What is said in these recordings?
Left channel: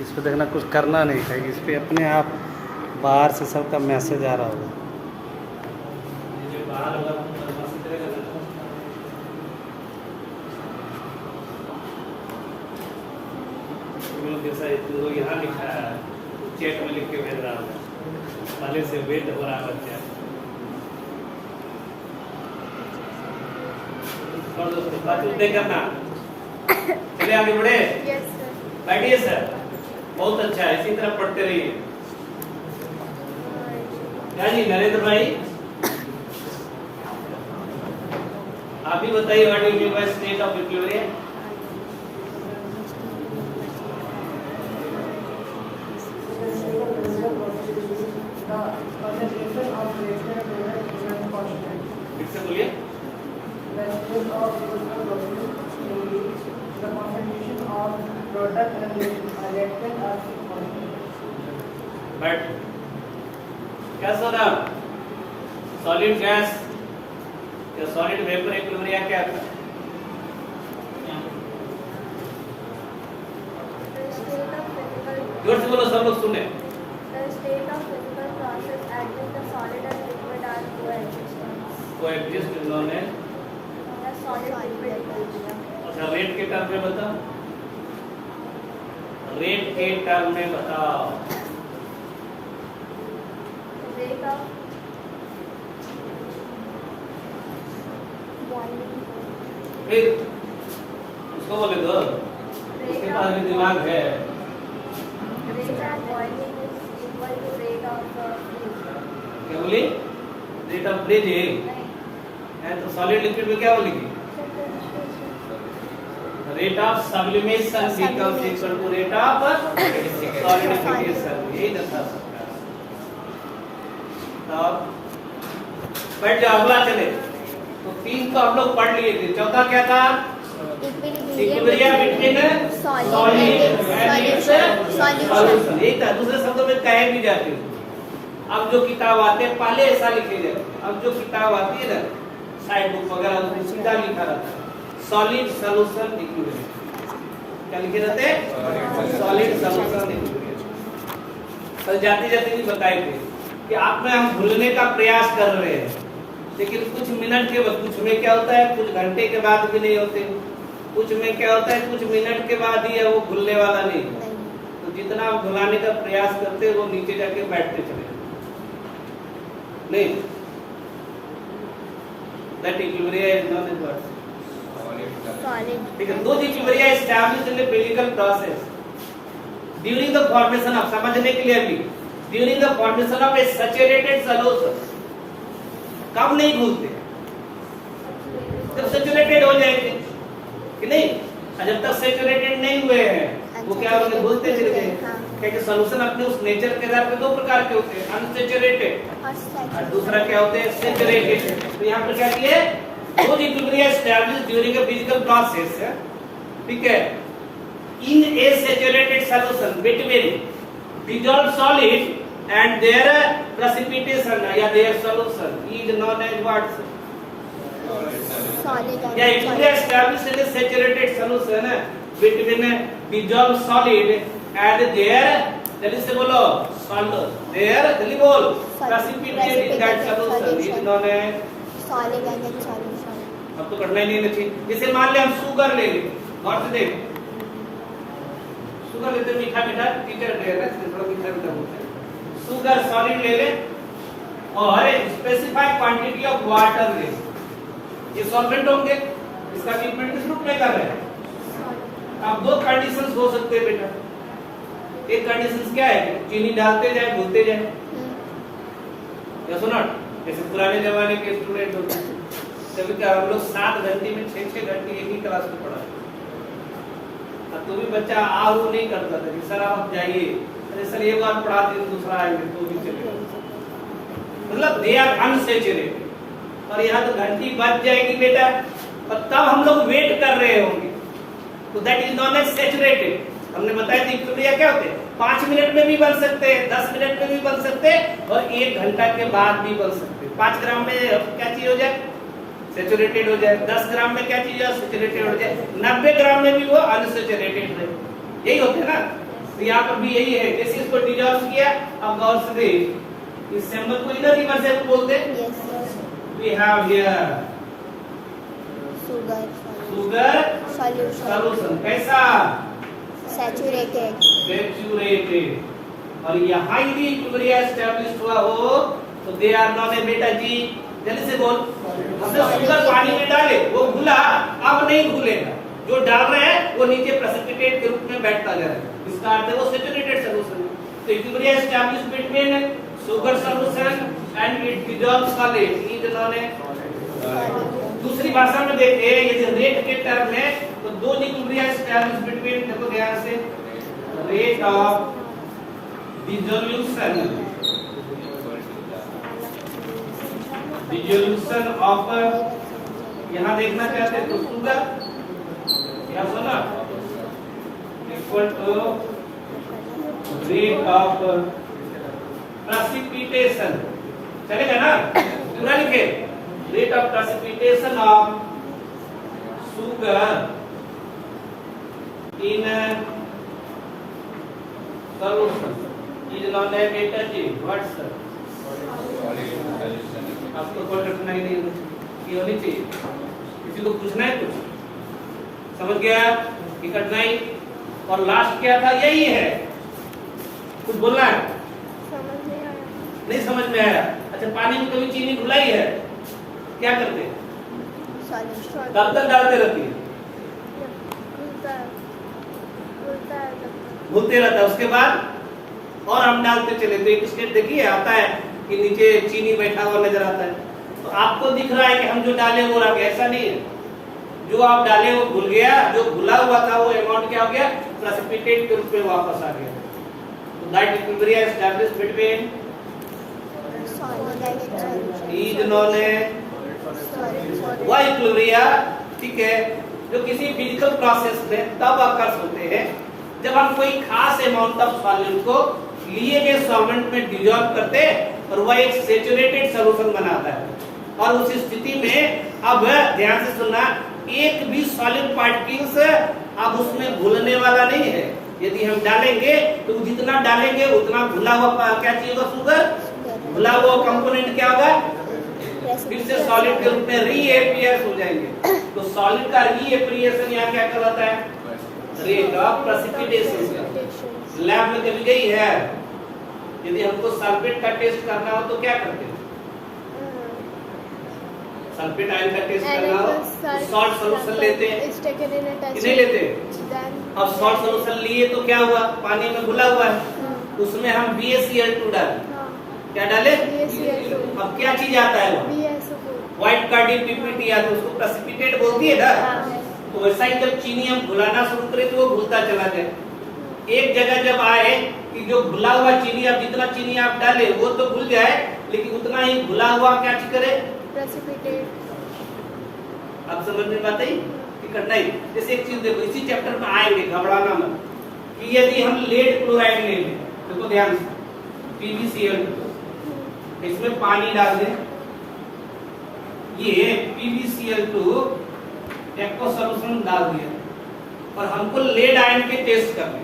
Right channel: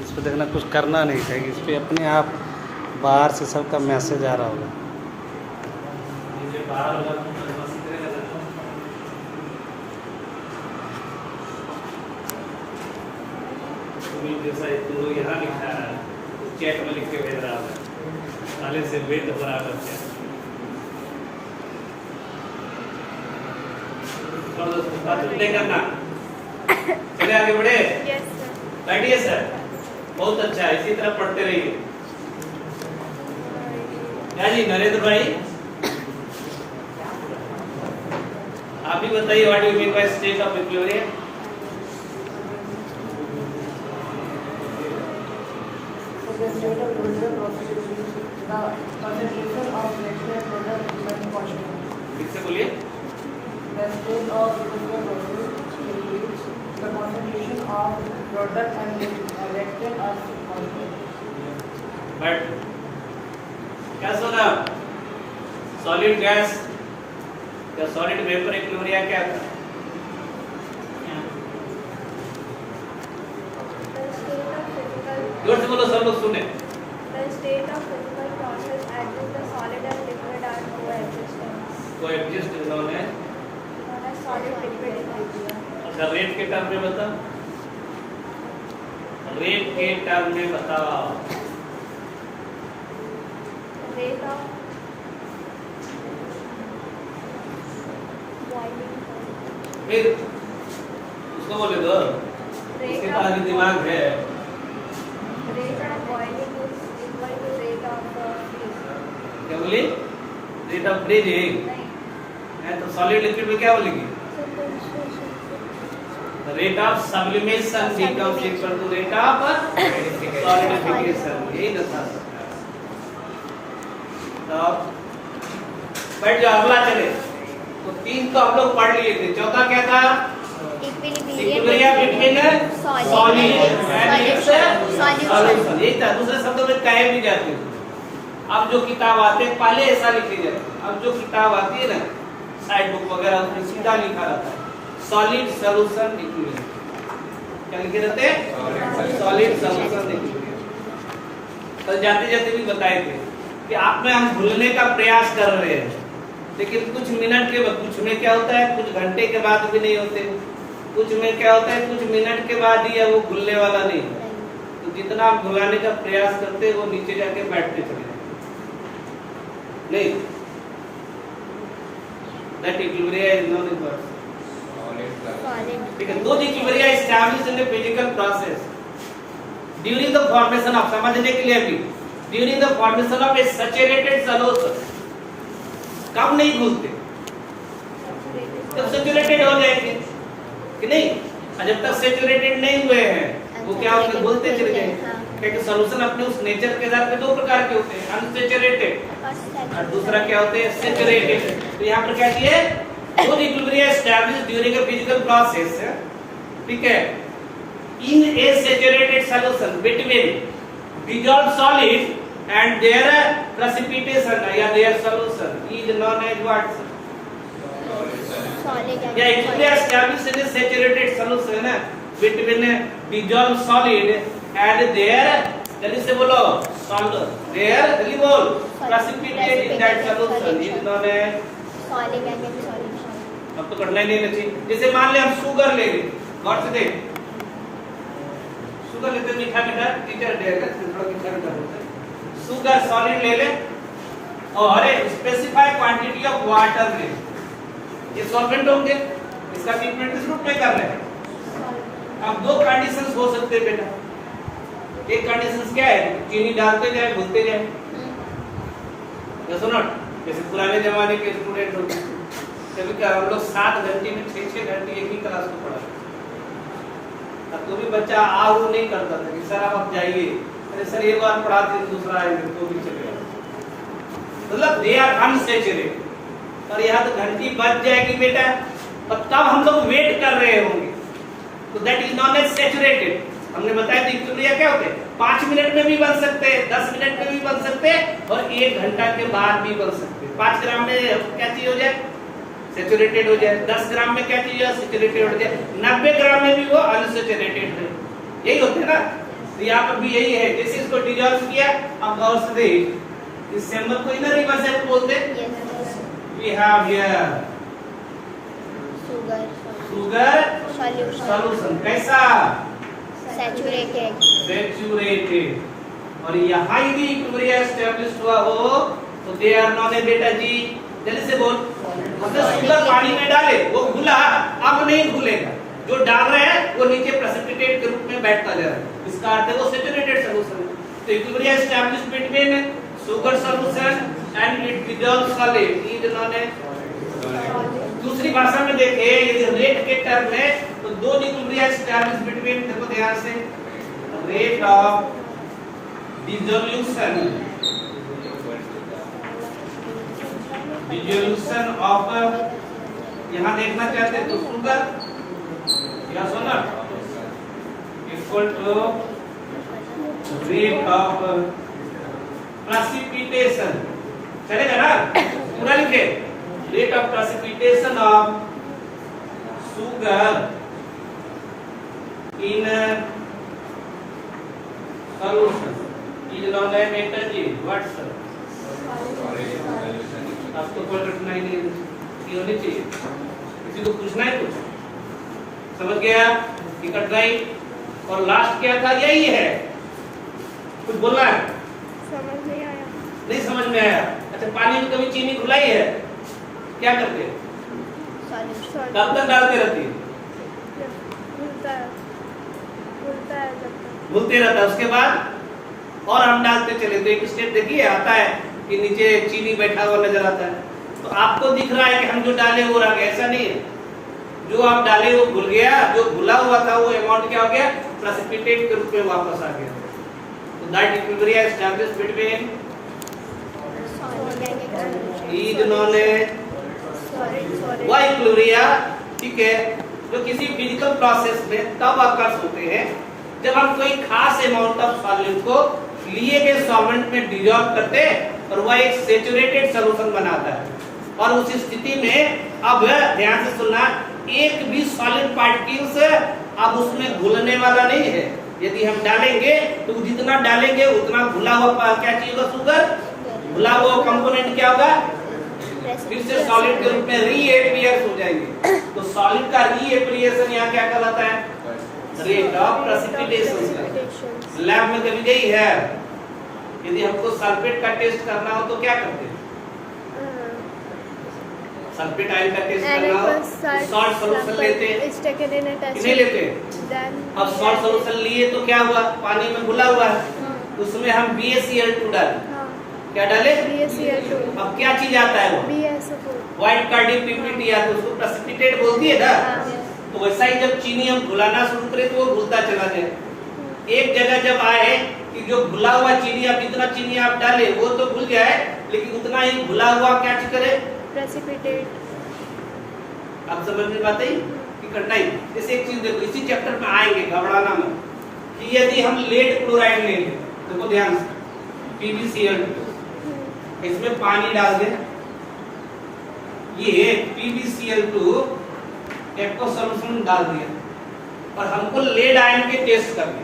इस पर देखना, कुछ करना नहीं है, इस पर अपने आप बाहर से सबका मैसेज आ रहा होगा। यहाँ लिखा है, चैट में लिख के भेज रहा है पहले से वेट बराबर है। और दोस्तों नहीं करना, चलिए आगे बढ़े। Yes sir. बैठिए सर, बहुत अच्छा है, इसी तरह पढ़ते रहिए। क्या जी नरेंद्र भाई, आप भी बताइए what you mean by state of equilibrium. फिर से बोलिए। बट क्या सुना, सॉलिड गैस या सॉलिड वेपर इक्विलिब्रियम क्या था? जोर से बोलो, सब लोग सुने। The state of physical process at which the solid and liquid are coexist इन्होंने known as solid liquid equilibrium. अच्छा, रेट के टर्म में बताओ, रेट के टर्म में बताओ। The rate of boiling point. फिर उसको बोले दो, उसके पास भी दिमाग है। Rate of boiling is equal to rate of freeze. क्या बोली? रेट ऑफ फ्रीजिंग नहीं, है तो सॉलिड लिक्विड में क्या बोलेगी? Rate of sublimation becomes equal to rate of solidification, यही था। तो बैठ जाओ, अगला चले। तो तीन तो हम लोग पढ़ लिए थे, चौथा क्या था? Equilibrium between solid and it's solution, यही था। दूसरे शब्दों में कहे भी जाते हैं। अब जो किताब आते हैं पहले ऐसा लिखे जाते हैं, अब जो किताब आती है ना साइड बुक वगैरह, उसमें सीधा लिखा रहता है सॉलिड सॉल्यूशन इक्विलिब्रियम। क्या लिखे रहते हैं? Solid solution equilibrium. तो जाते जाते भी बताए थे कि आप में हम भूलने का प्रयास कर रहे हैं, लेकिन कुछ मिनट के बाद, कुछ में क्या होता है कुछ घंटे के बाद भी नहीं होते, कुछ में क्या होता है कुछ मिनट के बाद ही है, वो भूलने वाला नहीं। तो जितना आप भुलाने का प्रयास करते हैं वो नीचे जाके बैठते चले नहीं। That equilibrium is known as what? Because those equilibria established in the physical process during the formation of, समझने के लिए अभी, during the formation of a saturated solution, कब नहीं भूलते? जब सैचुरेटेड हो जाएंगे कि नहीं, और जब तक सैचुरेटेड नहीं हुए हैं वो क्या होते, भूलते चले जाएंगे। क्योंकि सॉल्यूशन अपने उस नेचर के आधार पे दो प्रकार के होते हैं, अनसैचुरेटेड और दूसरा क्या होते हैं, सैचुरेटेड। तो यहाँ पर क्या किए, both equilibria established during a physical process, ठीक है, in a saturated solution between dissolved solid and their precipitation या their solution is known as what? या equilibria established in a saturated solution between dissolved solid and their, जल्दी से बोलो, solid, their, जल्दी बोल, precipitate in that solution is known as solid and solution. अब तो करना ही नहीं चाहिए। जैसे मान ले हम शुगर लेंगे, नॉट से देख शुगर लेते, मीठा मीठा टीचर देगा, थोड़ा मीठा मीठा होता है। शुगर सॉलिड ले ले और स्पेसिफाइड क्वांटिटी ऑफ वाटर ले, ये सॉल्वेंट होंगे, इसका ट्रीटमेंट किस रूप में कर रहे हैं। अब दो कंडीशंस हो सकते हैं बेटा, एक कंडीशंस क्या है, चीनी डालते जाए भूलते जाए, सुनो जैसे पुराने जमाने के स्टूडेंट होते हैं, कभी कभी हम लोग 7 घंटे में 6 घंटे एक ही क्लास में पढ़ा, अब तो भी बच्चा आहू नहीं करता था कि सर आप जाइए, अरे सर एक बार पढ़ाते दूसरा आएंगे तो भी चलेगा, मतलब दे आर अनसैचुरेटेड। और यहाँ तो घंटी बज जाएगी बेटा, और तब हम लोग वेट कर रहे होंगे, तो that is not as saturated. हमने बताया था इक्विलिब्रिया क्या होते हैं, 5 मिनट में भी बन सकते हैं, 10 मिनट में भी बन सकते हैं, और 1 घंटा के बाद भी बन सकते हैं। 5 ग्राम में क्या चीज हो जाए, सैचुरेटेड हो जाए, 10 ग्राम में क्या चीज है, सैचुरेटेड हो जाए, 90 ग्राम में भी वो अनसैचुरेटेड है, यही होते है ना। तो यहाँ पर भी यही है, जैसे इसको डिजॉल्व किया, अब गौर से देख, इस चैम्बर को इनर रिवर्सिबल बोलते हैं। Yes. We have here Sugar. Sugar Solution. Solution, कैसा? Saturated. सैचुरेटेड। और यहाँ यदि इक्विलिब्रियम एस्टैब्लिश हुआ हो तो दे आर नॉन ए बेटा जी, जल्दी से बोल। मतलब शुगर पानी में डाले, वो घुला, अब नहीं घुलेगा, जो डाल रहे हैं वो नीचे प्रेसिपिटेट के रूप में बैठता जा रहा है, इसका अर्थ है वो सैचुरेटेड सॉल्यूशन है। तो equilibrium establish between sugar solution and it dissolved solid is known ए। दूसरी भाषा में देखें, यदि रेट के टर्म है तो दो इक्विलिब्रियम एस्टैब्लिश बिटवीन, देखो ध्यान से, रेट ऑफ डिसोल्यूशन ऑफ, यहाँ देखना चाहते हैं तो शुगर या सोना equal to rate of precipitation, चलेगा ना? पूरा लिखे, rate of precipitation of sugar in solution is known a बेटा जी व्हाट्स। आपको कोई रखना ही नहीं, ये होनी चाहिए, किसी को पूछना है कुछ, समझ गया? निकट गई। और लास्ट क्या था? यही है, कुछ बोलना है? समझ नहीं आया। नहीं समझ में आया? अच्छा, पानी में कभी चीनी घुलाई है? क्या करते हैं? Solution. कब तक डालते रहती है? घुलता है जब तक। घुलते रहता है, उसके बाद और हम डालते चले, तो एक स्टेप देखिए आता है कि नीचे चीनी बैठा हुआ नजर आता है, तो आपको दिख रहा है कि हम जो डाले वो रह गया, ऐसा नहीं है। जो आप डाले वो घुल गया, जो घुला हुआ था वो अमाउंट क्या हो गया? प्रेसिपिटेट के रूप में वापस आ गया। तो that equilibrium established between is known ए वह इक्विलिब्रियम, ठीक है, जो किसी फिजिकल प्रोसेस में तब अकर्स होते हैं जब हम कोई खास अमाउंट ऑफ सॉल्वेंट को लिए गए सॉल्वेंट में डिसॉल्व करते हैं और वह एक सैचुरेटेड सॉल्यूशन बनाता है। और उस स्थिति में अब ध्यान से सुनना, एक भी सॉलिड पार्टिकल्स अब उसमें घुलने वाला नहीं है। यदि हम डालेंगे तो जितना डालेंगे उतना घुला हुआ क्या चीज होगा? शुगर। घुला हुआ कंपोनेंट क्या होगा? फिर से सॉलिड के रूप में रीएपियर हो जाएंगे। तो सॉलिड का रीएपियरेशन यहाँ क्या कहलाता है? Rate of precipitation. लैब में कभी गई है? यदि हमको सल्फेट का टेस्ट करना हो तो क्या करते हैं? सल्फेट आयन का टेस्ट करना हो तो सॉल्ट सॉल्यूशन लेते हैं कि नहीं लेते? अब सॉल्ट सॉल्यूशन लिए तो क्या हुआ? पानी में घुला हुआ है, उसमें हम BaCl2 डाले। क्या डाले? BaCl2। अब क्या चीज आता है? वो व्हाइट कार्डिक पीपीटी आता है, उसको प्रेसिपिटेट बोलती है ना। तो वैसा ही जब चीनी हम घुलाना शुरू करें तो वो घुलता चला जाए। एक जगह जब आए कि जो घुला हुआ चीनी, अब जितना चीनी आप डाले वो तो घुल जाए, लेकिन उतना ही घुला हुआ क्या चीज करे? प्रेसिपिटेट। अब समझ में बात आई कि करना ही। जैसे एक चीज देखो, इसी चैप्टर में आएंगे, घबराना मत, कि यदि हम लेड क्लोराइड ले लें, देखो ध्यान से, PbCl2, इसमें पानी डाल दें, ये PbCl2 एक्वा सॉल्यूशन डाल दिया और हमको लेड आयन के टेस्ट करने,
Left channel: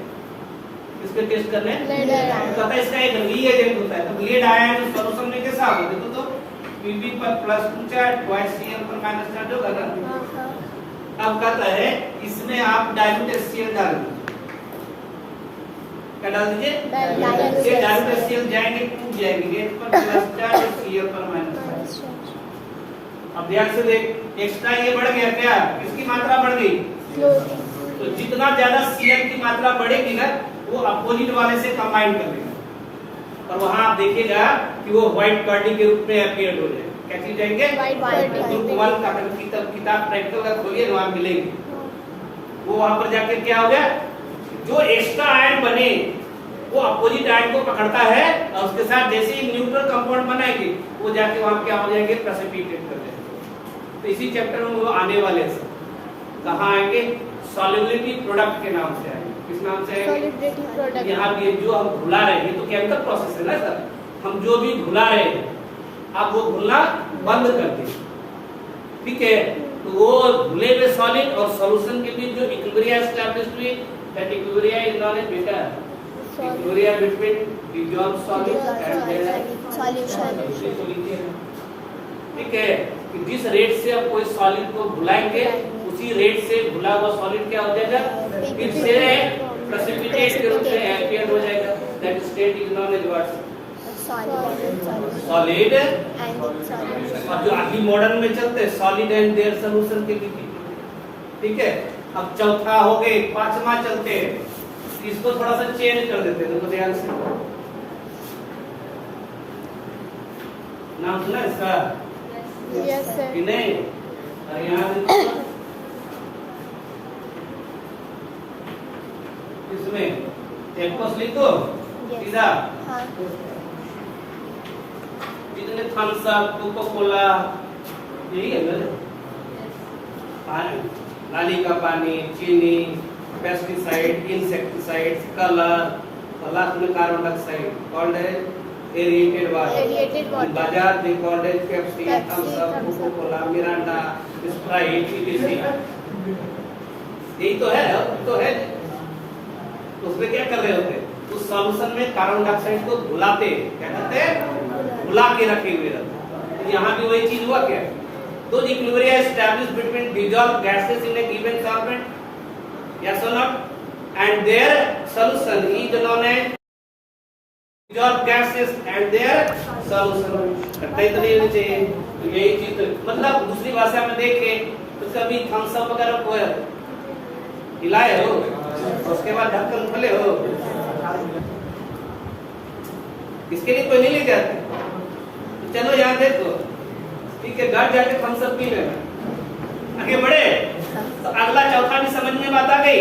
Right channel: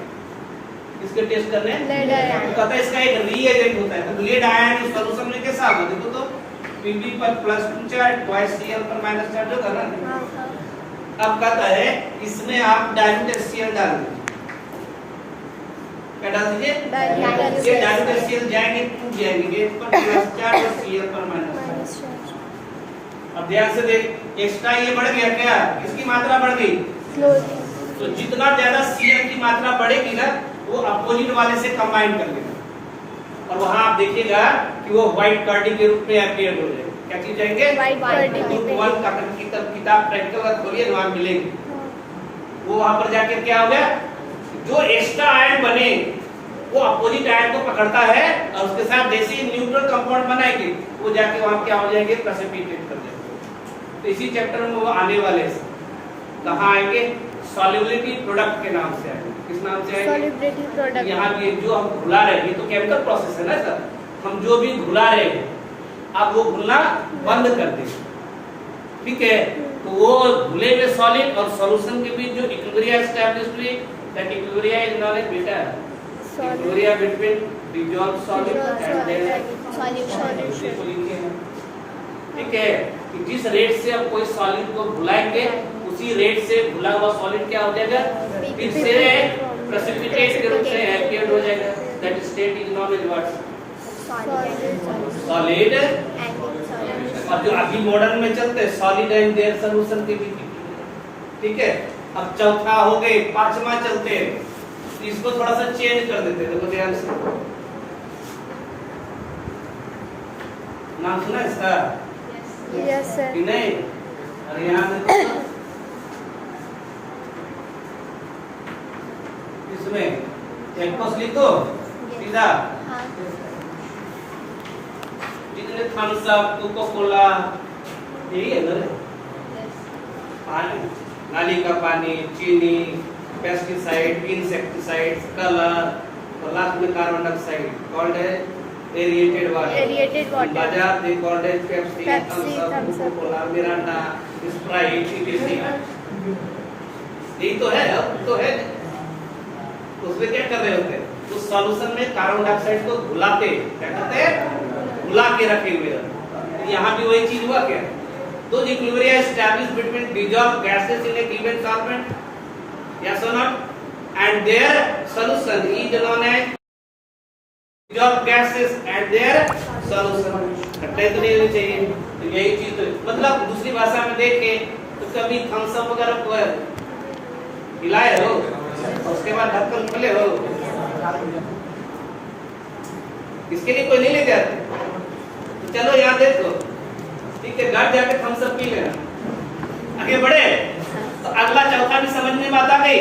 किसके टेस्ट करने हैं? Lead ion. तो कहता है इसका एक रीएजेंट होता है, तो लेड आयन सॉल्यूशन में कैसा होगा? देखो तो Pb पर +2 चार्ज, ट्वाइस Cl पर -चार्ज होगा ना। अब कहता है इसमें आप डाइल्यूट HCl डाल दीजिए। क्या डाल दीजिए? ये डाइल्यूट HCl जाएंगे, टूट जाएंगे, ये पर +4 और Cl पर -4। अब ध्यान से देख, एक्स्ट्रा ये बढ़ गया क्या? किसकी मात्रा बढ़ गई? तो जितना ज्यादा Cl की मात्रा बढ़ेगी ना, वो अपोजिट वाले से कंबाइन कर लेगा और वहां आप देखिएगा कि वो व्हाइट कर्डी के रूप में अपीयर हो जाएगा। क्या चीज जाएंगे? White curdy. किताब प्रैक्टिकल का खोलिए, वहां मिलेगी। वो वहां पर जाके क्या हो गया? जो एक्स्ट्रा आयन बने वो अपोजिट आयन को पकड़ता है और उसके साथ जैसे ही न्यूट्रल कंपाउंड बनाएगी वो जाके वहां क्या हो जाएंगे? प्रेसिपिटेट कर जाएंगे। तो इसी चैप्टर में वो आने वाले हैं। कहाँ आएंगे? सॉल्युबिलिटी प्रोडक्ट के नाम से आएंगे। किस नाम से आएंगे? Solubility product. यहाँ भी जो हम घुला रहे हैं, ये तो केमिकल प्रोसेस है ना सर, हम जो भी घुला रहे हैं आप वो घुलना बंद कर दें, ठीक है? तो वो घुले हुए सॉलिड और सॉल्यूशन के बीच जो इक्विलिब्रियम एस्टैब्लिश्ड हुई, that equilibrium is known a beta equilibrium between dissolve solid and their solution. ठीक है, कि जिस रेट से आप कोई सॉलिड को घुलाएंगे उसी रेट से घुला हुआ सॉलिड क्या हो जाएगा, फिर से प्रेसिपिटेट के रूप में एम्पियर हो जाएगा। That state is known as what, solid. और जो अभी मॉडर्न में चलते हैं सॉलिड एंड देयर सॉल्यूशन के बीच। ठीक है, अब चौथा हो गए, पांचवा चलते हैं, इसको थोड़ा सा चेंज कर देते हैं। देखो ध्यान से, नाम सुना इसका? Yes sir. कि नहीं? अरे यहाँ देखो, इसमें चेकपॉस्ट लिख दो सीधा। जितने थम्स अप, कोका कोला, यही है ना, पानी, नाली का पानी, चीनी, पेस्टिसाइड, इंसेक्टिसाइड, कलर, लास्ट में कार्बन डाइऑक्साइड, कॉल्ड है एरिएटेड वाटर। बाजार दे कॉल्ड है Pepsi, Thums Up, Coca Cola, Mirinda, Sprite, etc। यही तो है, अब तो है। उसमें क्या कर रहे होते, उस सॉल्यूशन में कार्बन डाइऑक्साइड को घुलाते, क्या कहते हैं, घुला के रखे हुए। यहाँ भी वही चीज हुआ क्या, तो equilibrium establish between dissolved gases in a given solvent, yes or not, and their solution is known as dissolved gases and their solution. घटना तो नहीं होनी चाहिए। तो यही चीज, तो मतलब दूसरी भाषा में देखे तो कभी थम्स अप वगैरह को हिलाए हो, उसके बाद ढक्कन खोले हो, इसके लिए कोई नहीं ले जाते। तो चलो यहाँ देखो, ठीक है, घर जाके थम्स अप पी लेना। आगे बढ़े तो अगला चौथा भी समझ में बात आ गई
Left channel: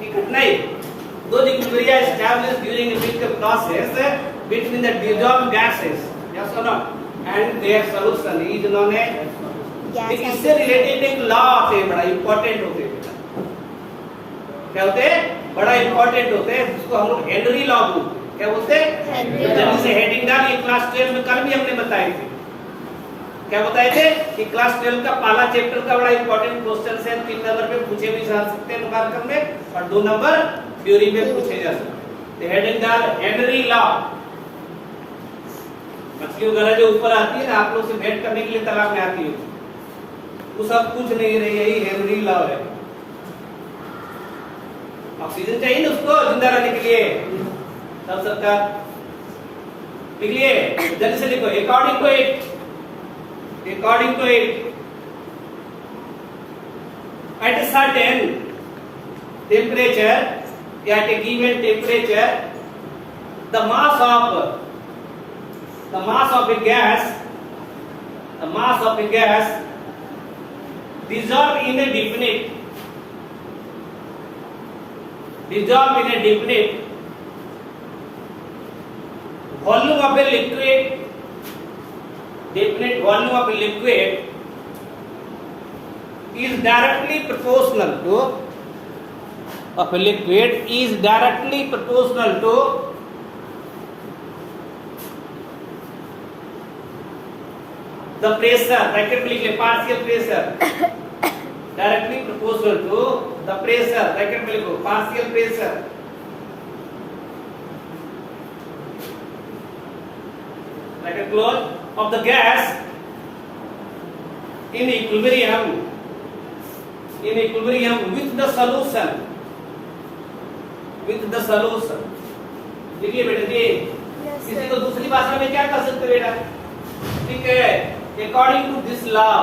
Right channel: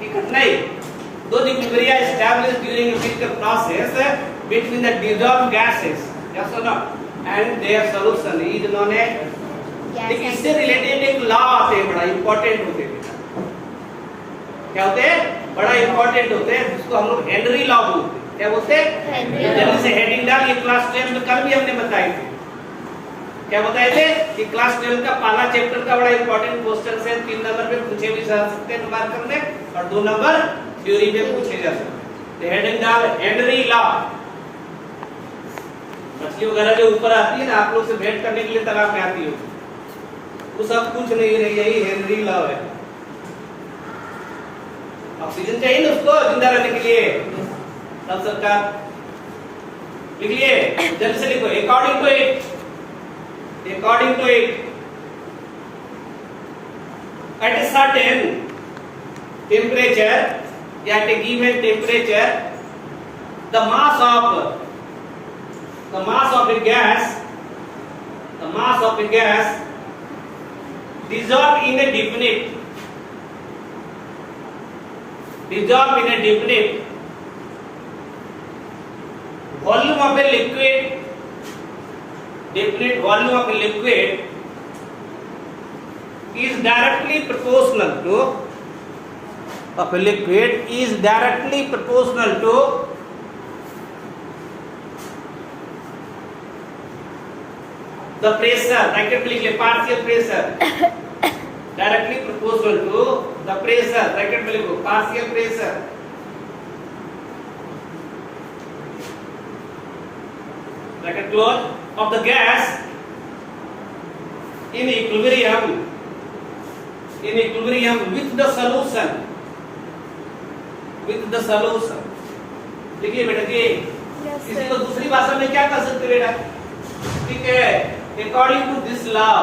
कि घटना ही दो equilibrium established during a physical process between the dissolved gases, yes or not, and their solution is known as. इससे रिलेटेड एक लॉ आते हैं, बड़ा इंपॉर्टेंट होते हैं। क्या होते हैं, बड़ा इंपॉर्टेंट होते हैं, जिसको हम लोग हेनरी लॉ बोलते हैं। क्या बोलते हैं, जल्दी से हेडिंग डाल। ये क्लास 12 में कल भी हमने बताए थे। क्या बताए थे कि क्लास 12 का पहला चैप्टर का बड़ा इंपॉर्टेंट क्वेश्चन है। 3 नंबर पे पूछे भी जा सकते हैं मार्कर में, और 2 नंबर थ्योरी में पूछे जा सकते हैं। तो हेडिंग डाल हेनरी लॉ। मछली वगैरह जो ऊपर आती है ना, आप लोग से भेंट करने के लिए तालाब में आती है, वो सब कुछ नहीं रही, यही हेनरी लॉ है। ऑक्सीजन चाहिए ना उसको जिंदा रहने के लिए, तब सरकार लिख लिए, जल्दी से लिखो। According to it at a certain temperature, at a given temperature, the mass of a gas dissolve in a definite volume of a liquid, definite volume of a liquid is directly proportional to the pressure, bracket में लिखिए partial pressure, directly proportional to the pressure, bracket में लिखो partial pressure, bracket close, of the gas in equilibrium with the solution. देखिए बेटा जी, किसी को दूसरी भाषा में क्या कह सकते बेटा, ठीक है। According to this law,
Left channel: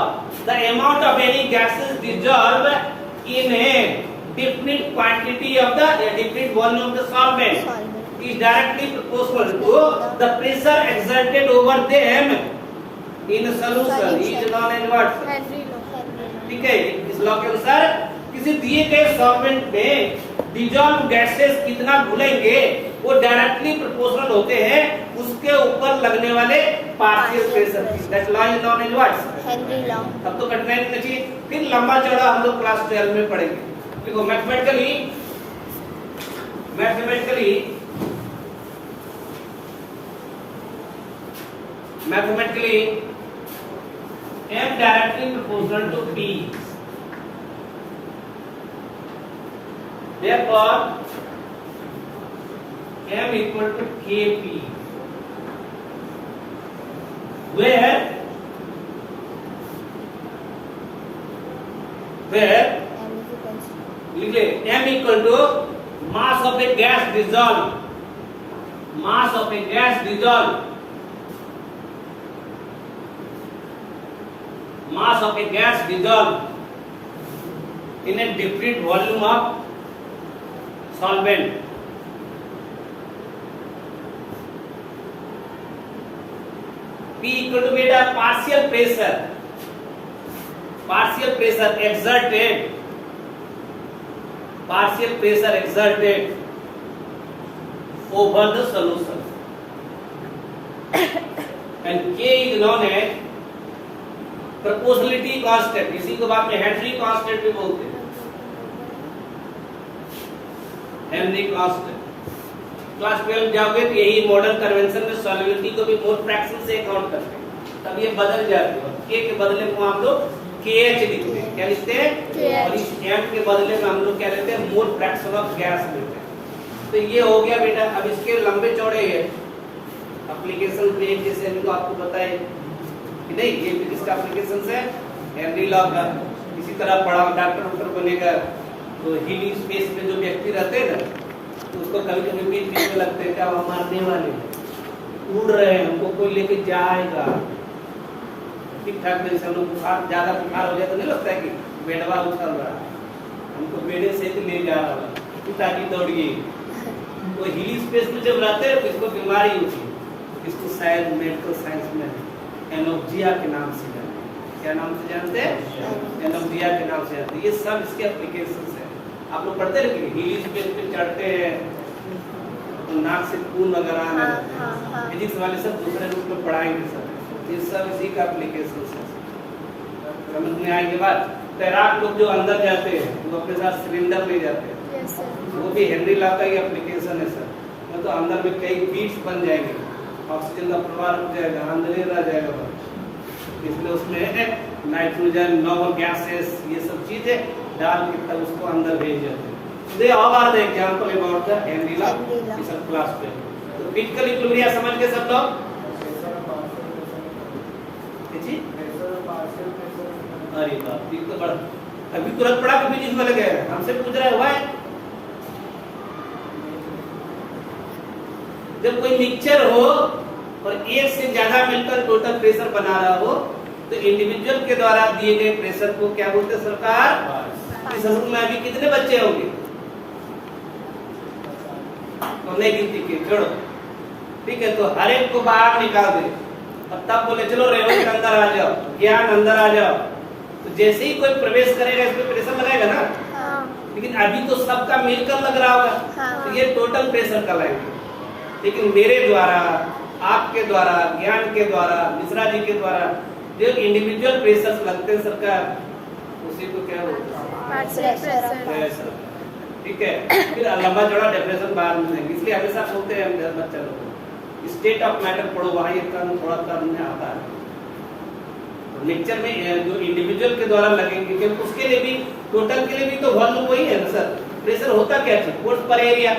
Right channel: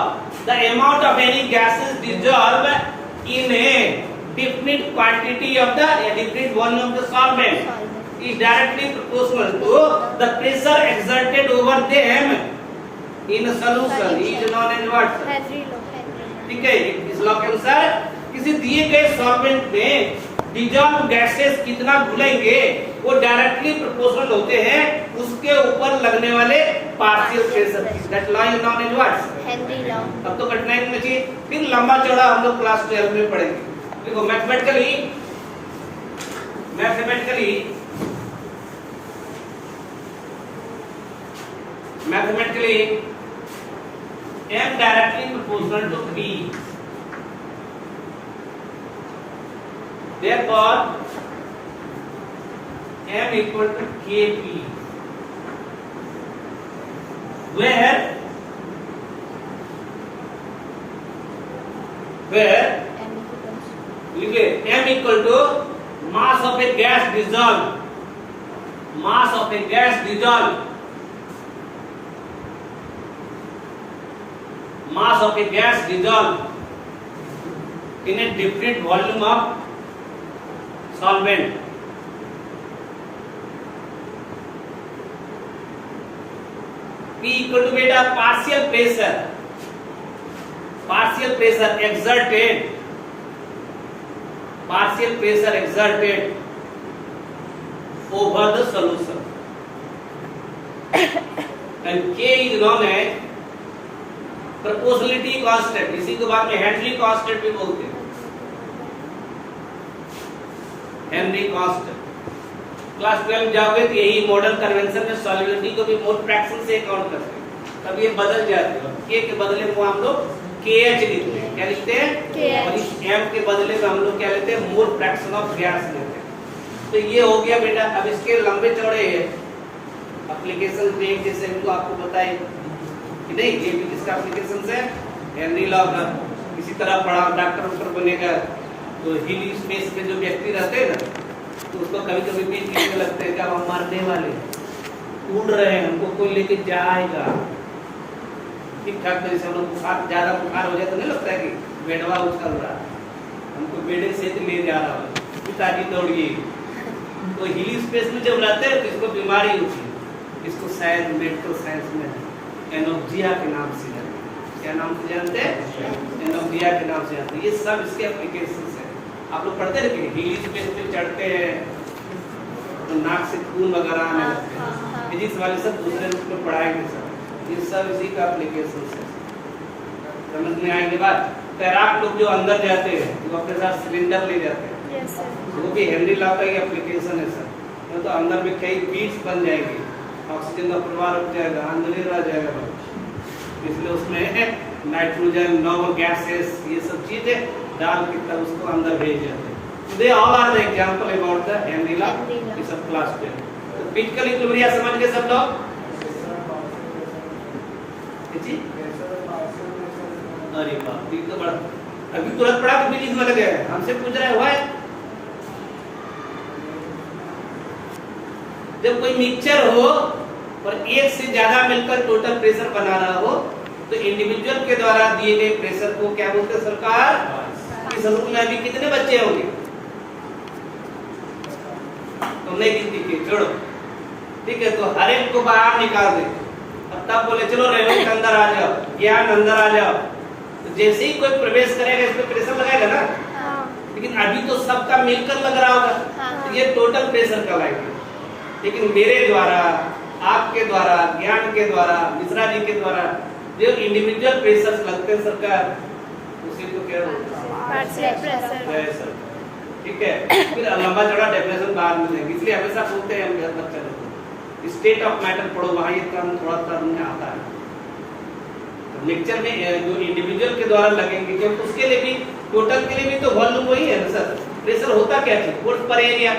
the amount of any gases dissolved in a definite quantity of the definite volume of the solvent is directly proportional to the pressure exerted over them in a solution is known as what? Henry law. ठीक है, इस law के अनुसार किसी दिए गए solvent में dissolve gases कितना घुलेंगे वो डायरेक्टली प्रोपोर्शनल होते हैं उसके ऊपर लगने वाले पार्शियल प्रेशर की। That law is known as what? Henry law. अब तो कठिनाई नहीं चाहिए, फिर लंबा चौड़ा हम लोग क्लास 12 में पढ़ेंगे। देखो mathematically M directly proportional to P. Therefore, m equal to kp, where लिख ले m equal to mass of a gas dissolved, mass of a gas dissolved, mass of a gas dissolved in a different volume of solvent. P equal to beta partial pressure exerted over the solution, and K is known as proportionality constant. इसी को बाद में Henry constant भी बोलते हैं, Henry constant. Class 12 जाओगे तो यही मॉडल कन्वेंशन में सॉल्युबिलिटी को भी मोल फ्रैक्शन से काउंट करते हैं, तब ये बदल जाती है। K के बदले में हम लोग KH लिखते हैं, क्या लिखते हैं, और इस M के बदले में हम लोग क्या लेते हैं, मोल फ्रैक्शन ऑफ गैस लेते हैं। तो ये हो गया बेटा। अब इसके लंबे चौड़े एप्लीकेशन पेज जैसे इनको आपको बताए कि नहीं, ये भी किसका एप्लीकेशन है, हेनरी लॉ का। इसी तरह पढ़ा डॉक्टर बनेगा तो हीली स्पेस में जो व्यक्ति रहते हैं ना, तो उसको कभी कभी बीच में लगते हैं कि अब हम मरने वाले हैं, उड़ रहे हैं, हमको कोई लेके जाएगा। ठीक ठाक जैसे हम लोग बुखार, ज्यादा बुखार हो जाए तो नहीं लगता है कि बेड़वा उछल रहा, हमको बेड़े से ले जा रहा है, कुछ आगे दौड़िए। तो हीली स्पेस में जब रहते हैं तो इसको बीमारी होती है, इसको शायद मेडिकल साइंस में एनोक्सिया के नाम से जानते हैं। क्या नाम से जानते हैं, एनोक्सिया के नाम से जानते हैं। ये सब इसके एप्लीकेशंस हैं। आप लोग पढ़ते हैं कि हीली स्पेस पे चढ़ते हैं तो नाक से खून वगैरह आने लगते हैं, फिजिक्स वाले सब दूसरे रूप में पढ़ाएंगे सब, ये सब इसी का एप्लीकेशंस है। समझ में आने के बाद तैराक लोग जो अंदर जाते हैं वो अपने साथ सिलेंडर ले जाते हैं, वो भी हेनरी लॉ का ही एप्लीकेशन है सर। तो अंदर में कई बीट्स बन जाएंगे, ऑक्सीजन का प्रवाह रुक जाएगा, अंदर ही रह जाएगा, इसलिए उसमें नाइट्रोजन, नॉर्मल गैसेस, ये सब चीजें डाल के तब उसको अंदर भेज जाते हैं। They all are the example about the Henry law, ये सब क्लास पे। तो फिजिकल इक्विलिब्रियम समझ गए सब लोग? जी अरे बाप, ये तो बड़ा अभी तुरंत पढ़ा कि फिजिक्स वाले गए हमसे पूछ रहा है हुआ है। जब कोई मिक्सचर हो और एक से ज्यादा मिलकर टोटल प्रेशर बना रहा हो तो इंडिविजुअल के द्वारा दिए गए प्रेशर को क्या बोलते हैं सरकार? इस रूम में अभी कितने बच्चे होंगे? तो नहीं गिनती, छोड़ो, ठीक है। तो हर एक को बाहर निकाल दे और तब बोले चलो रेवंत अंदर आ जाओ, ज्ञान अंदर आ जाओ। तो जैसे ही कोई प्रवेश करेगा इसमें प्रेशर लगाएगा ना, लेकिन अभी तो सबका मिलकर लग रहा होगा, तो ये टोटल प्रेशर का लगेगा। लेकिन मेरे द्वारा, आपके द्वारा, ज्ञान के द्वारा, मिश्रा जी के द्वारा जो इंडिविजुअल प्रेशर लगते हैं सरकार, उसी को क्या पार्शियल प्रेशर, ठीक है। फिर लंबा चौड़ा डेफिनेशन बाहर मिलेंगे, इसलिए हमेशा बोलते हैं हम बच्चा लोग को स्टेट ऑफ मैटर पढ़ो, वहां ये काम थोड़ा सा हमने आता है। तो लेक्चर में जो इंडिविजुअल के द्वारा लगेंगे, क्योंकि उसके लिए भी टोटल के लिए भी तो वॉल्यूम वही है ना सर। प्रेशर होता क्या है, वोल्ट पर एरिया,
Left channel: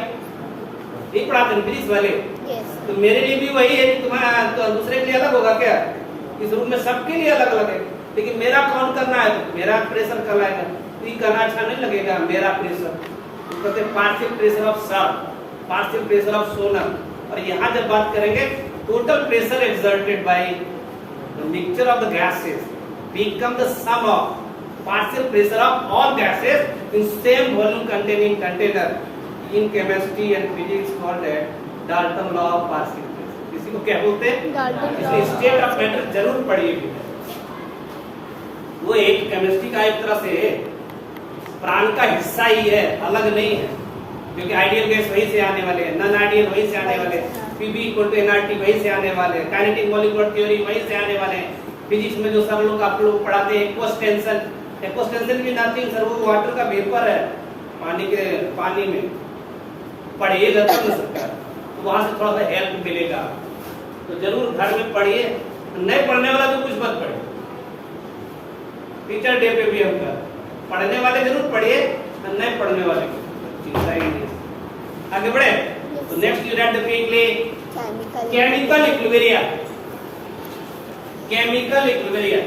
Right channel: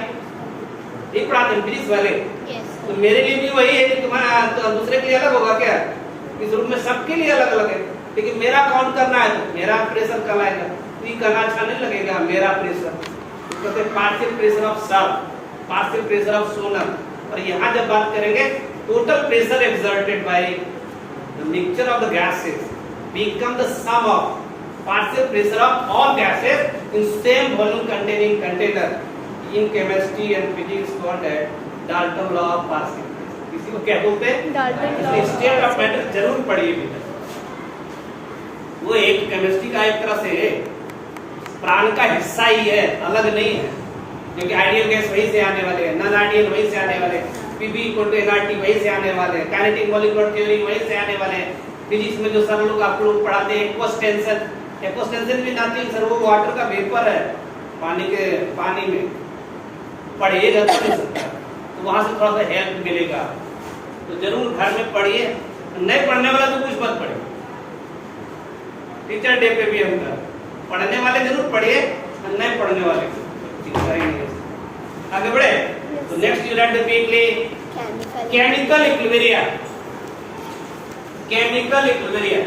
एक पढ़ाते हैं फिजिक्स वाले। तो मेरे लिए भी वही है कि तुम्हारा तो दूसरे के लिए अलग होगा क्या? इस रूम में सबके लिए अलग अलग है, लेकिन मेरा काउंट करना है तो मेरा प्रेशर कल आएगा। ये करना अच्छा नहीं लगेगा मेरा प्रेशर, तो कहते हैं partial pressure of salt, partial pressure of solar. और यहाँ जब बात करेंगे total pressure exerted by mixture of the gases become the sum of partial pressure of all gases in same volume containing container. In chemistry and physics called at Dalton law of partial pressure. इसी को क्या बोलते हैं? Dalton law. State of matter जरूर पढ़िए, वो एक chemistry का एक तरह से प्राण का हिस्सा ही है, अलग नहीं है। क्योंकि आइडियल गैस वहीं से आने वाले हैं, नॉन आइडियल वहीं से आने वाले, पीबी इक्वल टू एनआरटी वहीं से आने वाले, काइनेटिक मॉलिक्यूलर थ्योरी वहीं से आने वाले। फिजिक्स में जो सब लोग आप लोग पढ़ाते हैं एक्वस्टेंशन, एक्वस्टेंशन भी नथिंग सर, वो वाटर का वेपर है, पानी में पढ़िएगा तो नहीं सकता, तो वहां से थोड़ा सा हेल्प मिलेगा। तो जरूर घर में पढ़िए, नहीं पढ़ने वाला तो कुछ मत पढ़े। टीचर डे पे भी हम पढ़ने वाले जरूर पढ़िए, नहीं पढ़ने वाले आगे बढ़े। तो नेक्स्ट यूनिट देखिए Chemical. Chemical equilibria. Chemical equilibria.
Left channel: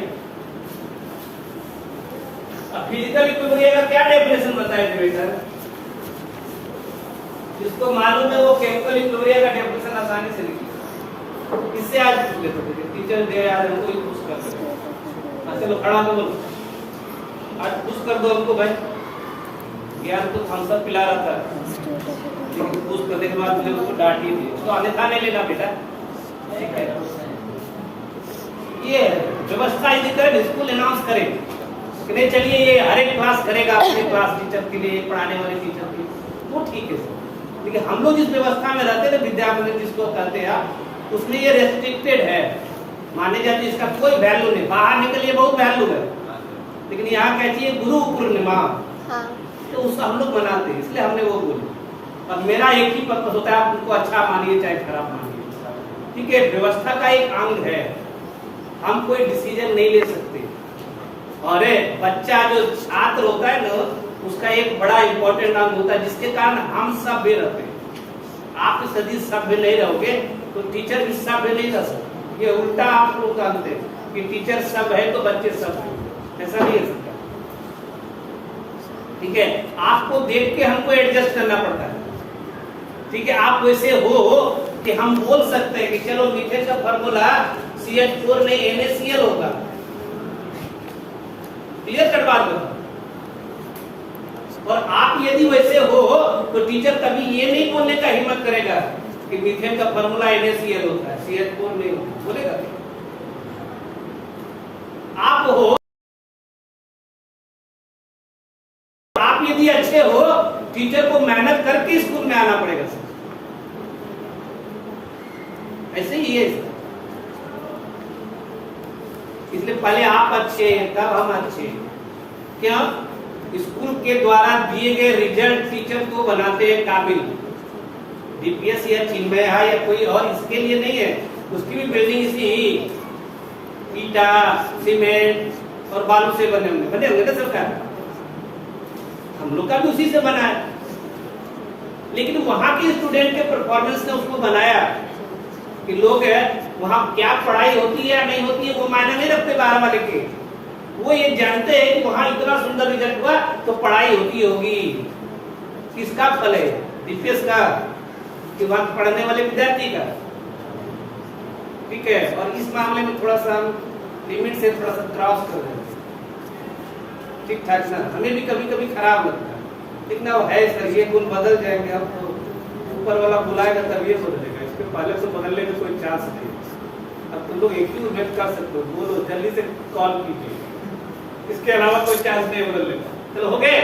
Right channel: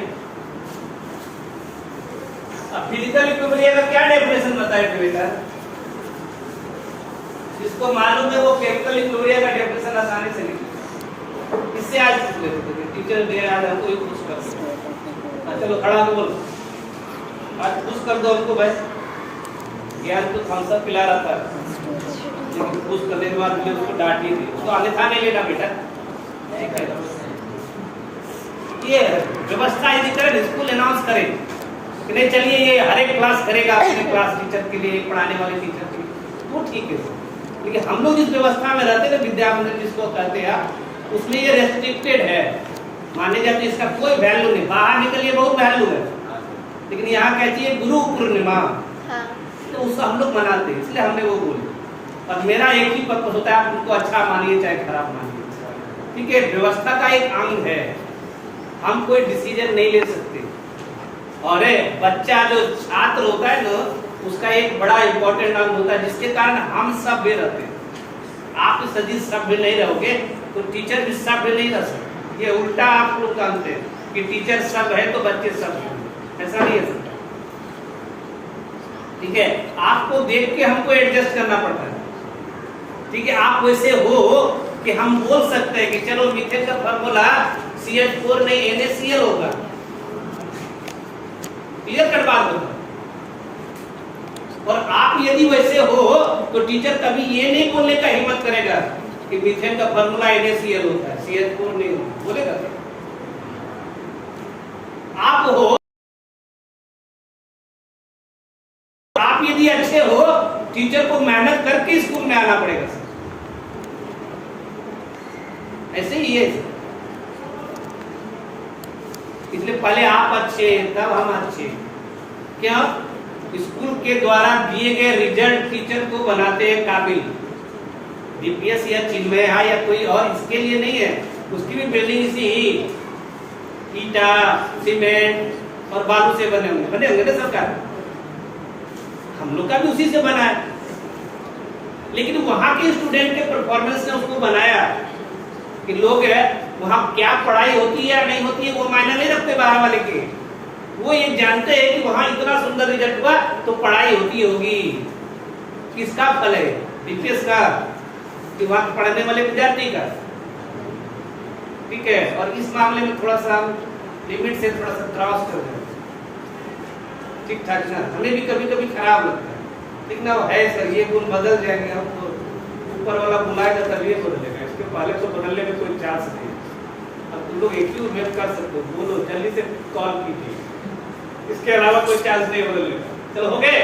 अब फिजिकल इक्विलिब्रिया का क्या डेफिनेशन बताएंगे बेटा? जिसको मालूम है वो केमिकल इक्विलिब्रिया का डेफिनेशन आसानी से लिखे। इससे आज पूछ लेते थे टीचर दे आज हमको ही पूछ कर। चलो खड़ा हो बोलो, आज पूछ कर दो हमको भाई। ज्ञान तो हम सब पिला रहा था, लेकिन पूछ करने के बाद मुझे उसको डांट ही दी। उसको आने खाने लेना बेटा, ठीक है? ये व्यवस्था यदि करें, स्कूल अनाउंस करें कि नहीं चलिए ये हर एक क्लास करेगा अपने क्लास टीचर के लिए, पढ़ाने वाले टीचर के लिए, वो ठीक है। लेकिन हम लोग जिस व्यवस्था में रहते थे, विद्या मंदिर जिसको कहते हैं आप, उसमें ये रेस्ट्रिक्टेड है, माने जाते इसका कोई वैल्यू नहीं। बाहर निकलिए बहुत वैल्यू है, लेकिन यहाँ कहती है गुरु पूर्णिमा, तो उसको हम लोग मनाते हैं, इसलिए हमने वो बोले। और मेरा एक ही पर्पस होता है, आप उनको अच्छा मानिए चाहे खराब मानिए, ठीक है? व्यवस्था का एक अंग है, हम कोई डिसीजन नहीं ले सकते। और बच्चा जो छात्र होता है ना, उसका एक बड़ा इंपॉर्टेंट अंग होता है, जिसके कारण हम सभ्य रहते हैं। आप सदी सभ्य नहीं रहोगे तो टीचर भी सभ्य नहीं रह सकते। ये उल्टा आप लोग जानते हैं कि टीचर सब है तो बच्चे सब है, ऐसा नहीं है सकता, ठीक है? आपको देख के हमको एडजस्ट करना पड़ता है, ठीक है? आप वैसे हो कि हम बोल सकते हैं कि चलो मीथेन का फॉर्मूला CH4 नहीं NaCl होगा। क्लियर कट बात होगा। और आप यदि वैसे हो तो टीचर कभी ये नहीं बोलने का हिम्मत करेगा कि मीथेन का फॉर्मूला NaCl होता है, CH4 नहीं होता, बोलेगा क्या? आप हो, आप यदि अच्छे हो, टीचर को मेहनत करके स्कूल में आना पड़ेगा, ऐसे ही है। इसलिए पहले आप अच्छे तब हम अच्छे। क्या? स्कूल के द्वारा दिए गए रिजल्ट टीचर को बनाते हैं काबिल। DPS या चिन्मय है या कोई और इसके लिए नहीं है, उसकी भी बिल्डिंग इसी ही ईटा सीमेंट और बालू से बने होंगे ना सरकार, हम लोग का भी उसी से बना है। लेकिन वहां के स्टूडेंट के परफॉर्मेंस ने उसको बनाया कि लोग वहां क्या पढ़ाई होती है या नहीं होती है वो मायने नहीं रखते 12 वाले के। वो ये जानते हैं कि वहां इतना सुंदर रिजल्ट हुआ तो पढ़ाई होती होगी। किसका फल है? DPS का कि वहां पढ़ने वाले विद्यार्थी का, ठीक है? और इस मामले में थोड़ा सा हम लिमिट से थोड़ा सा क्रॉस कर रहे हैं, ठीक ठाक ना? हमें भी कभी कभी खराब लगता है, लेकिन वो है सर, ये गुण बदल जाएंगे। अब तो ऊपर वाला बुलाएगा तभी बदलेगा, इसके पहले तो बदलने में कोई चांस नहीं है। अब तुम लोग एक ही उम्मीद कर सकते हो, बोलो जल्दी से कॉल कीजिए, इसके अलावा कोई चांस नहीं बदलने का। चलो हो गए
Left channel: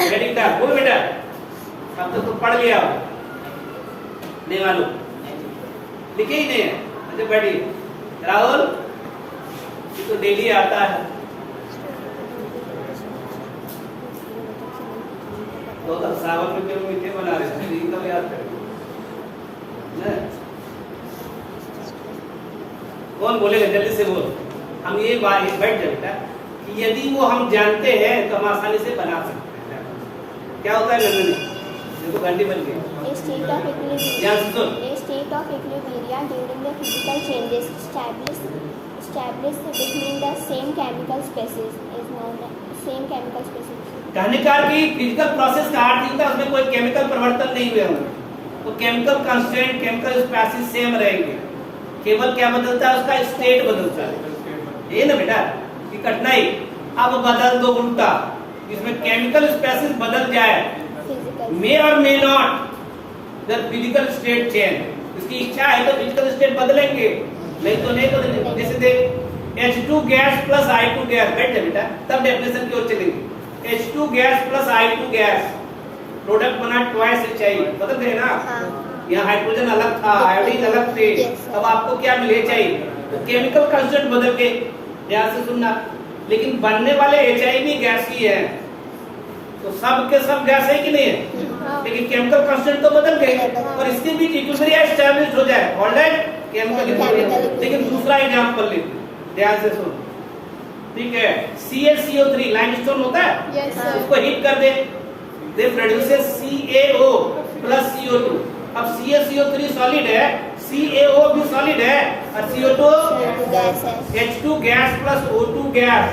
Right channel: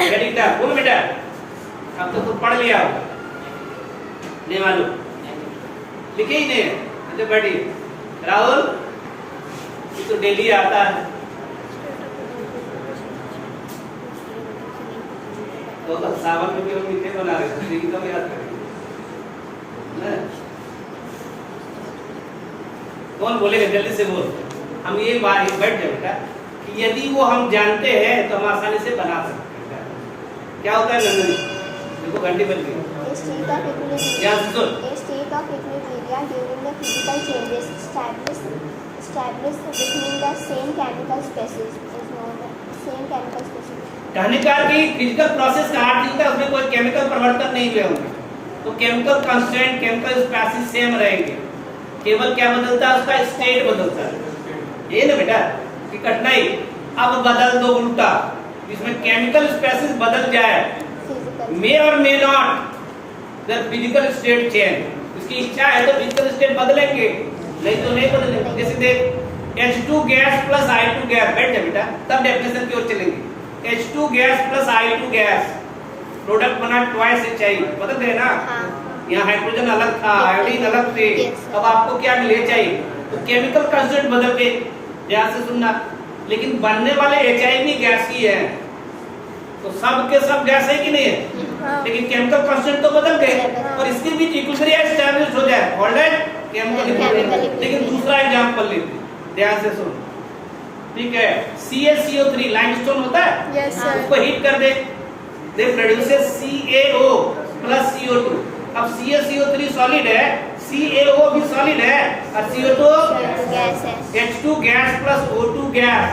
रेडी था? बोल बेटा, अब तो तुम पढ़ लिया हो, नहीं मालूम, लिखे ही नहीं है? अच्छा बैठिए। राहुल तो डेली आता है, तो सावन में क्यों मीठे बना रहे थे? तो याद करेंगे ना? कौन बोलेगा? जल्दी से बोल। हम ये बैठ जाए बेटा कि यदि वो हम जानते हैं तो हम आसानी से बना सकते हैं। क्या होता है नंदनी? देखो घंटी बन गई। A state of equilibrium. A state of equilibrium during the physical changes established between the same chemical species is known as same chemical species. कहने का कि फिजिकल प्रोसेस का अर्थ होता है उसमें कोई केमिकल परिवर्तन नहीं हुए होंगे, तो chemical constant chemical species same रहेंगे, केवल क्या बदलता है? उसका स्टेट बदलता है। ये ना बेटा कि कठिनाई। अब बदल दो उल्टा, इसमें केमिकल स्पेसीज बदल जाए, मे or may not the physical state change. उसकी इच्छा है तो फिजिकल स्टेट बदलेंगे, नहीं तो नहीं बदलेंगे। जैसे देख H2 gas plus I2 gas, बैठ जा बेटा, तब डेफिनेशन की ओर चलेंगे। H2 gas plus I2 gas, product बना ट्वाइस HI, बदल दे ना? यहाँ हाइड्रोजन अलग था, आयोडीन अलग थे, अब आपको क्या मिले चाहिए? तो केमिकल कांस्टेंट बदल के, ध्यान से सुनना। लेकिन बनने वाले HI भी गैस ही है, तो सब के सब गैस है कि नहीं है? लेकिन केमिकल कांस्टेंट तो बदल गए, और इसके बीच इक्विलिब्रियम एस्टैब्लिश हो जाए, ऑलराइट केमिकल इक्विलिब्रियम। लेकिन दूसरा एग्जांपल लेते, ध्यान से सुन, ठीक है? CaCO3 लाइमस्टोन होता है, Yes, sir. उसको हीट कर दे, प्रोड्यूसेस CaO प्लस CO2। अब CaCO3 सॉलिड है, CaO भी सॉलिड है, और CO2 गैस है। H2 gas plus O2 gas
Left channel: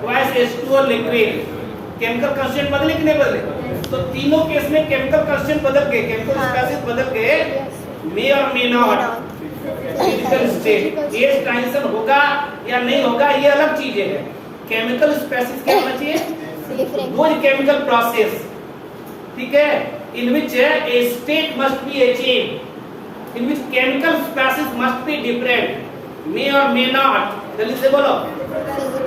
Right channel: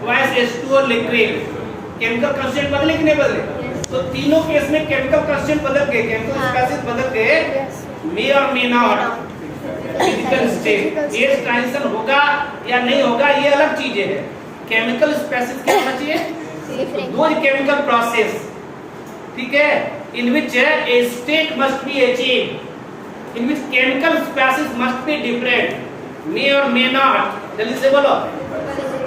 twice H2O liquid. Chemical constant बदले कि नहीं बदले? तो तीनों केस में केमिकल कांस्टेंट बदल गए, केमिकल स्पेसिस बदल गए, मे or may not. Physical state ये ट्रांजिशन होगा या नहीं होगा ये अलग चीजें है। केमिकल स्पेसिस क्या होना चाहिए? वो केमिकल प्रोसेस, ठीक है, in which a state must be achieved, in which chemical species must be different, may or may not. जल्दी से बोलो।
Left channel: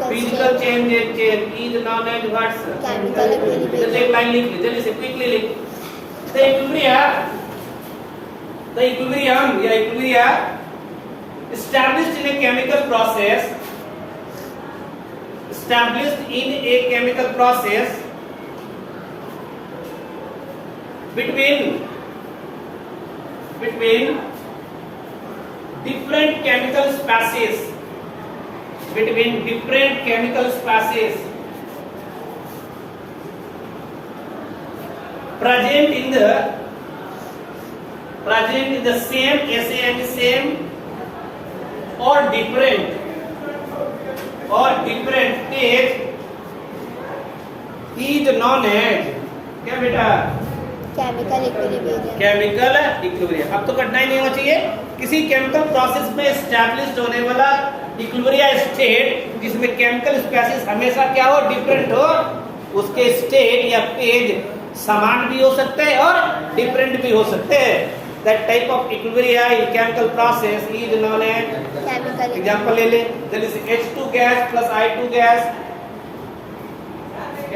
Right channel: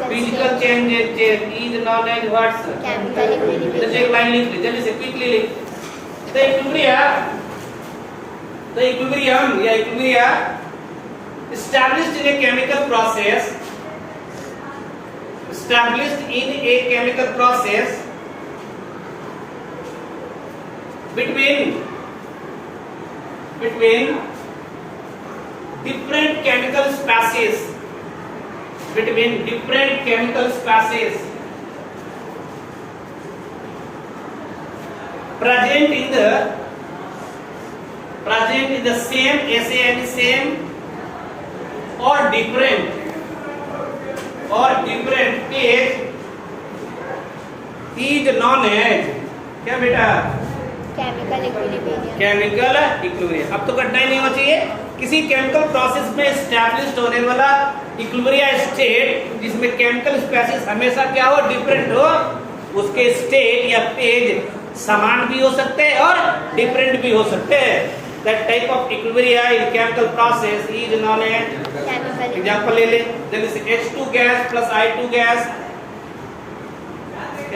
Physical change is known as what's chemical equilibrium. जल्दी एक लाइन लिख ले, जल्दी से क्विकली लिख। द इक्विलिब्रियम या equilibrium established in a chemical process, established in a chemical process between different chemical species, between different chemical species present in the same same or different stage is known as क्या बेटा? Chemical equilibrium. Chemical equilibrium. अब तो कठिनाई नहीं होना चाहिए। किसी chemical process में एस्टैब्लिश्ड होने वाला इक्विलिब्रियम स्टेट जिसमें केमिकल स्पेसिस हमेशा क्या हो? डिफरेंट हो। उसके स्टेट या पेज समान भी हो सकते हैं और डिफरेंट भी हो सकते हैं। That type of equilibrium in chemical process is known as chemical example ले ले। जल्दी से H2 gas plus I2 gas,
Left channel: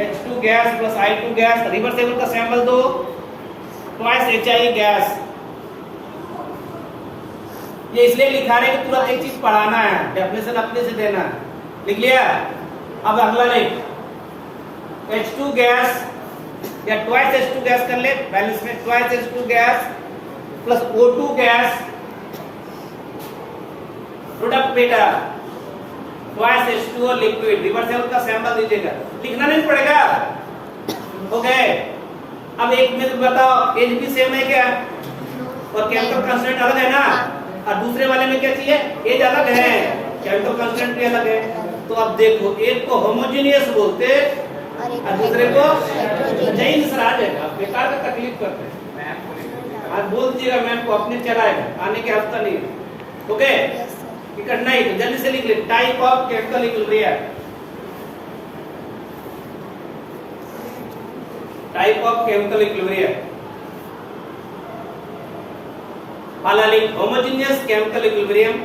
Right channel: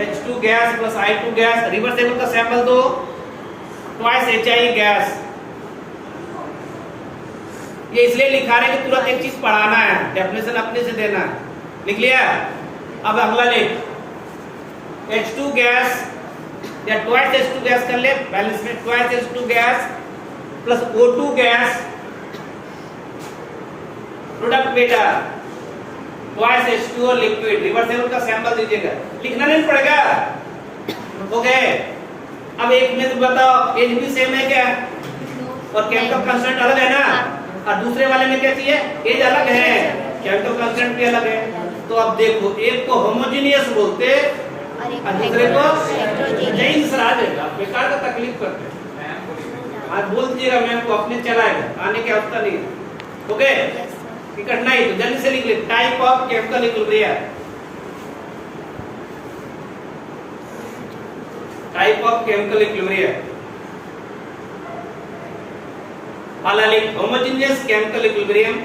H2 gas plus I2 gas, reversible का सैंपल दो, ट्वाइस HI गैस। ये इसलिए लिखा रहे हैं कि तुरंत एक चीज पढ़ाना है, डेफिनेशन अपने से देना है। लिख लिया? अब अगला ले, H2 गैस या ट्वाइस H2 गैस कर ले, बैलेंस में twice H2 gas plus O2 gas, product बेटा ट्वाइस H2O लिक्विड। रिवर्सेबल का सैंपल दीजिएगा, लिखना नहीं पड़ेगा। हो गए? अब एक में बताओ एज भी सेम है क्या? और केमिकल कांस्टेंट अलग है ना? और दूसरे वाले में क्या चाहिए? एज अलग है, केमिकल कांस्टेंट भी अलग है। तो अब देखो, एक को होमोजेनियस बोलते और दूसरे को जैन सर आ जाएगा। बेकार का तकलीफ करते हैं। आज बोल दीजिएगा मैम को, अपने चलाएगा, आने की आवश्यकता नहीं है। ओके? ये कठिनाई तो जल्दी से लिख ले। Type of chemical equilibrium, type of chemical equilibrium. पहला लिख homogeneous chemical equilibrium,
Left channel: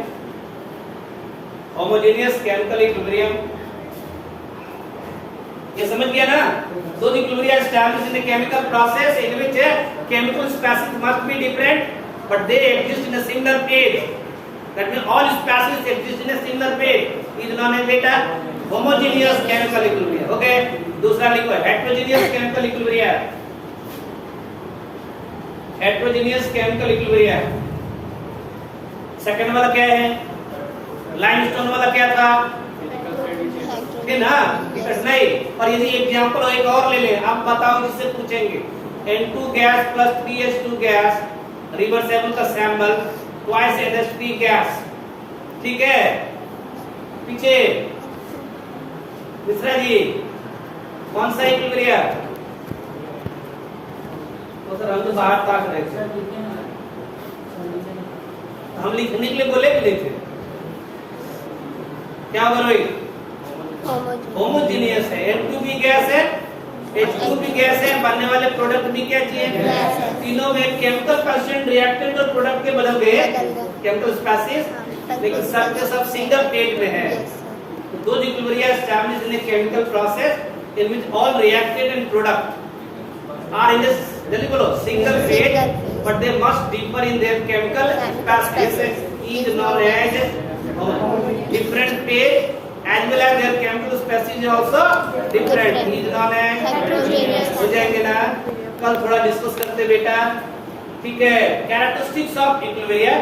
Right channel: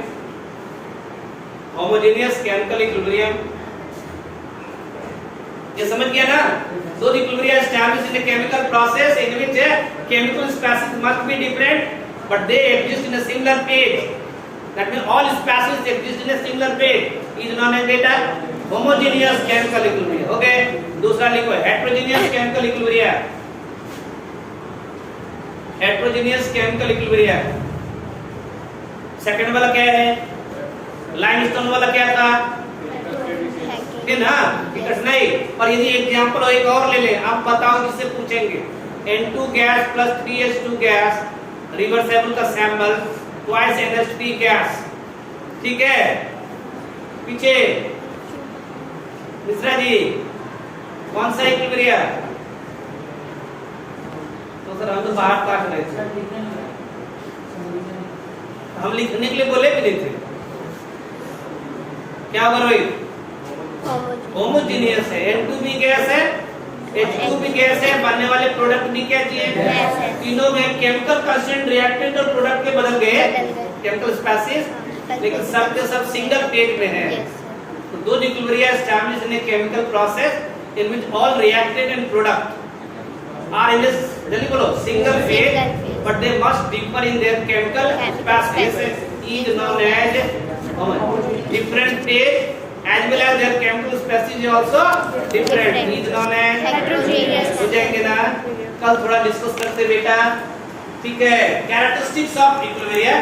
homogeneous chemical equilibrium. ये समझ गया ना? So the equilibrium established in a chemical process in which chemical species must be different, but they exist in a similar phase. That means all species exist in a similar phase is known as beta homogeneous chemical equilibrium. Okay? दूसरा लिखो heterogeneous chemical equilibrium. Heterogeneous chemical equilibrium. Second वाला क्या है? Limestone वाला क्या था? है ना? नहीं। और यदि एग्जांपल हो एक और ले ले, आप बताओ जिससे पूछेंगे N2 gas plus 3H2 gas, reversible का सैंपल, ट्वाइस NH3 गैस। ठीक है? पीछे मिश्रा जी कौन सा इक्विलिब्रियम? तो सर हम तो बाहर ताक रहे थे, हम लिखने के लिए बोले भी नहीं थे। क्या करोगे? होमोजेनियस है, N2 भी गैस है, H2 भी गैस है, बनने वाले प्रोडक्ट भी क्या चाहिए? तीनों में केमिकल कांस्टेंट रिएक्टेंट और प्रोडक्ट के बदल गए केमिकल स्पेसिस, लेकिन सब के सब सिंगल फेज में है। तो दो equilibrium established in a chemical process in which all reactant and product are in this, जल्दी बोलो, single phase, but they must differ in their chemical species is known as different phase as well as their chemical species is also different, is known as heterogeneous। हो जाएंगे ना? कल थोड़ा discuss करते बेटा, ठीक है? Characteristics of equilibrium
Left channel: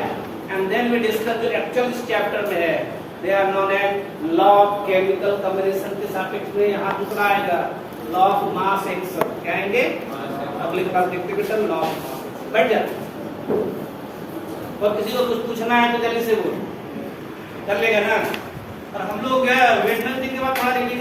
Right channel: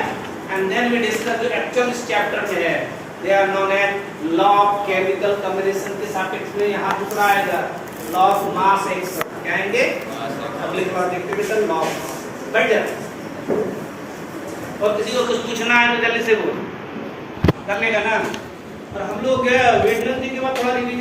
and then we discuss जो एक्चुअल इस चैप्टर में है, they are known as law of chemical combination के सापेक्ष में यहाँ दूसरा आएगा लॉ ऑफ मास एक्शन। क्या आएंगे? अगली बार देखते बेटा लॉ ऑफ मास। बैठ जाए। और किसी को कुछ पूछना है तो जल्दी से बोल कर लेगा ना। और हम लोग क्या वेडनेसडे के बाद थोड़ा रिवीजन